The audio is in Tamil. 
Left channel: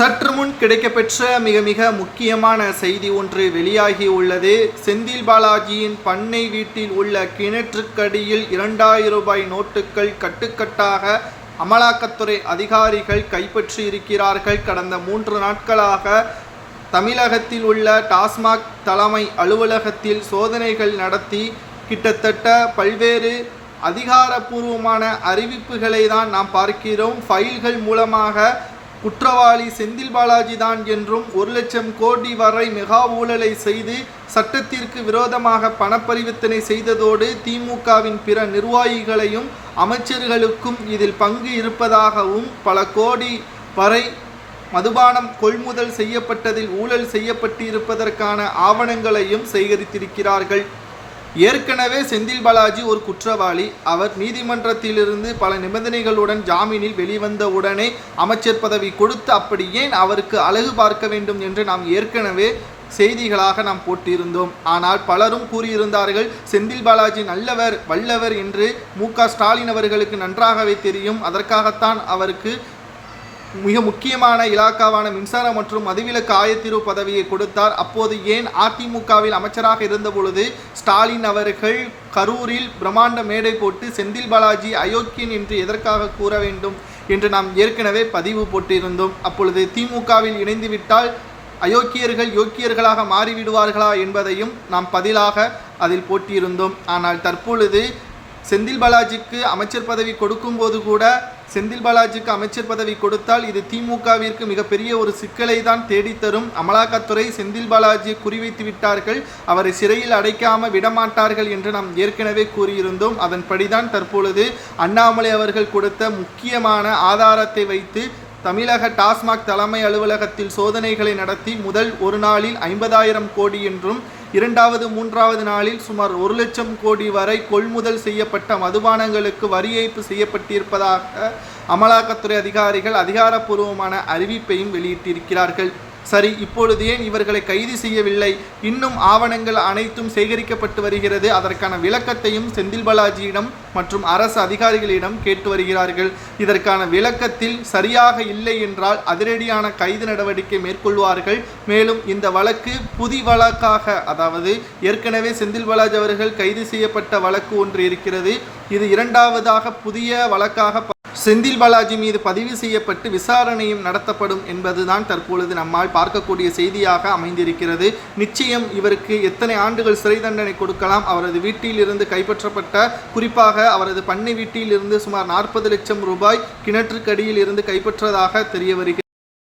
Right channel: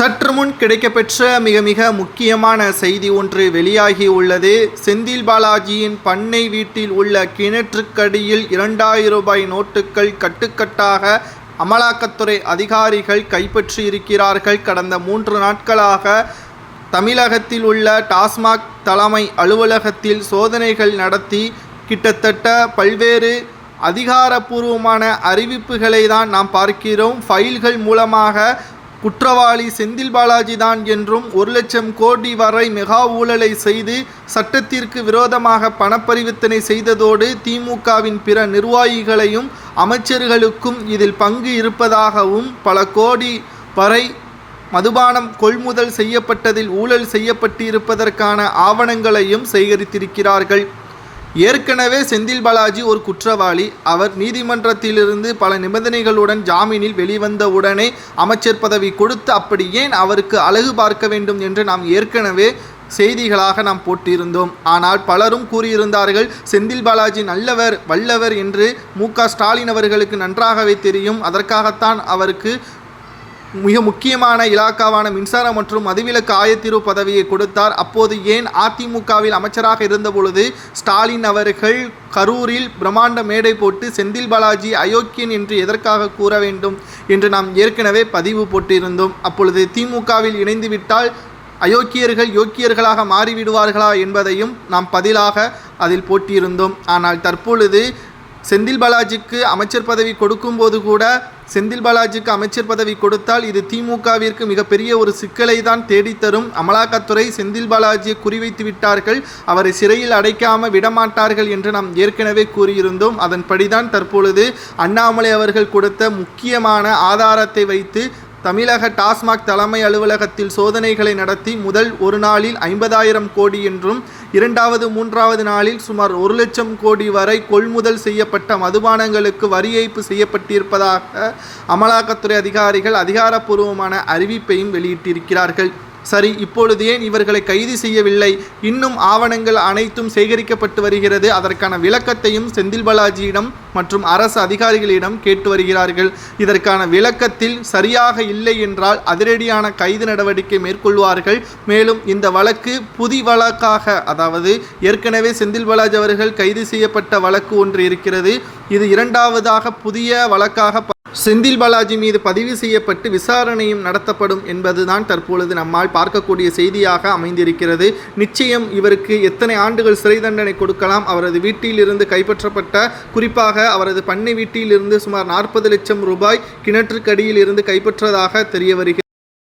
சற்று முன் கிடைக்கப்பெற்ற மிக முக்கியமான செய்தி ஒன்று வெளியாகி உள்ளது. செந்தில் பாலாஜியின் பண்ணை வீட்டில் உள்ள கிணற்றுக்கடியில் 2000 ரூபாய் நோட்டுகள் கட்டுக்கட்டாக அமலாக்கத்துறை அதிகாரிகள் கைப்பற்றி இருக்கிறார்கள். கடந்த 3 நாட்களாக தமிழகத்தில் உள்ள டாஸ்மாக் தலைமை அலுவலகத்தில் சோதனைகள் நடத்தி கிட்டத்தட்ட பல்வேறு அதிகாரப்பூர்வமான அறிவிப்புகளை தான் நாம் பார்க்கிறோம். ஃபைல்கள் மூலமாக குற்றவாளி செந்தில் பாலாஜி தான் என்றும் 1 லட்சம் கோடி வரை மெகா ஊழலை செய்து சட்டத்திற்கு விரோதமாக பணப்பரிவர்த்தனை செய்ததோடு திமுகவின் பிற நிர்வாகிகளையும் அமைச்சர்களுக்கும் இதில் பங்கு இருப்பதாகவும் பல கோடி வரை மதுபானம் கொள்முதல் செய்யப்பட்டதில் ஊழல் செய்யப்பட்டிருப்பதற்கான ஆவணங்களையும் சேகரித்திருக்கிறார்கள். ஏற்கனவே செந்தில் பாலாஜி ஒரு குற்றவாளி. அவர் நீதிமன்றத்திலிருந்து பல நிபந்தனைகளுடன் ஜாமீனில் வெளிவந்த உடனே அமைச்சர் பதவி கொடுத்து அப்படி ஏன் அவருக்கு அழகு பார்க்க வேண்டும் என்று நாம் ஏற்கனவே செய்திகளாக நாம் போட்டிருந்தோம். ஆனால் பலரும் கூறியிருந்தார்கள் செந்தில் பாலாஜி நல்லவர் வல்லவர் என்று. மு.க.ஸ்டாலின் அவர்களுக்கு நன்றாகவே தெரியும். அதற்காகத்தான் அவருக்கு மிக முக்கியமான இலாக்காவான மின்சாரம் மற்றும் மதுவிலக்கு ஆயத்தீர்வு பதவியை கொடுத்தார். அப்போது ஏன் அதிமுகவில் அமைச்சராக இருந்தபொழுது ஸ்டாலின் அவர்கள் கரூரில் பிரம்மாண்ட மேடை போட்டு செந்தில் பாலாஜி அயோக்கியன் என்று எதற்காக கூற வேண்டும் என்று நாம் ஏற்கனவே பதிவு போட்டிருந்தோம். அப்பொழுது திமுகவில் இணைந்துவிட்டால் அயோக்கியர்கள் யோக்கியர்களாக மாறிவிடுவார்களா என்பதையும் நாம் பதிலாக அதில் போட்டியிருந்தோம். ஆனால் தற்பொழுது செந்தில் பாலாஜிக்கு அமைச்சர் பதவி கொடுக்கும்போது கூட செந்தில் பாலாஜிக்கு அமைச்சர் பதவி கொடுத்தால் இது திமுகவிற்கு மிகப்பெரிய ஒரு சிக்கலை தான் தேடித்தரும். அமலாக்கத்துறை செந்தில் பாலாஜியை குறிவைத்து விட்டார்கள். அவரை சிறையில் அடைக்காமல் விடமாட்டார்கள் என்று நாம் ஏற்கனவே கூறியிருந்தோம். அதன்படிதான் தற்பொழுது அண்ணாமலை அவர்கள் கொடுத்த முக்கியமான ஆதாரத்தை வைத்து தமிழக டாஸ்மாக் தலைமை அலுவலகத்தில் சோதனைகளை நடத்தி முதல் ஒரு நாளில் 50,000 கோடி என்றும் 2வது 3வது நாளில் சுமார் 1 லட்சம் கோடி வரை கொள்முதல் செய்யப்பட்ட மதுபானங்களுக்கு வரி ஏய்ப்பு செய்யப்பட்டிருப்பதாக அமலாக்கத்துறை அதிகாரிகள் அதிகாரப்பூர்வமான அறிவிப்பையும் வெளியிட்டிருக்கிறார்கள். சரி, இப்பொழுது ஏன் இவர்களை கைது செய்யவில்லை? இன்னும் ஆவணங்கள் அனைத்தும் சேகரிக்கப்பட்டு வருகிறது. அதற்கான விளக்கத்தையும் செந்தில் பாலாஜியிடம் மற்றும் அரசு அதிகாரிகளிடம் கேட்டு வருகிறார்கள். இதற்கான விளக்கத்தில் சரியாக இல்லை என்றால் அதிரடியான கைது நடவடிக்கை மேற்கொள்வார்கள். மேலும் இந்த வழக்கு புதிய வழக்காக, அதாவது ஏற்கனவே செந்தில் பாலாஜி அவர்கள் கைது செய்யப்பட்ட வழக்கு ஒன்று இருக்கிறது. இது 2வதாக புதிய வழக்காக செந்தில் பாலாஜி மீது பதிவு செய்யப்பட்டு விசாரணையும் நடத்தப்படும் என்பதுதான் தற்பொழுது நம்மால் பார்க்கக்கூடிய செய்தியாக அமைந்திருக்கிறது. நிச்சயம் இவருக்கு எத்தனை ஆண்டுகள் சிறை தண்டனை கொடுக்கலாம். அவரது வீட்டிலிருந்து கைப்பற்றப்பட்ட, குறிப்பாக அவரது பண்ணை வீட்டிலிருந்து சுமார் 40 லட்சம் ரூபாய் கிணற்றுக்கடியில் இருந்து கைப்பற்றதாக தெரிய வருகிறது.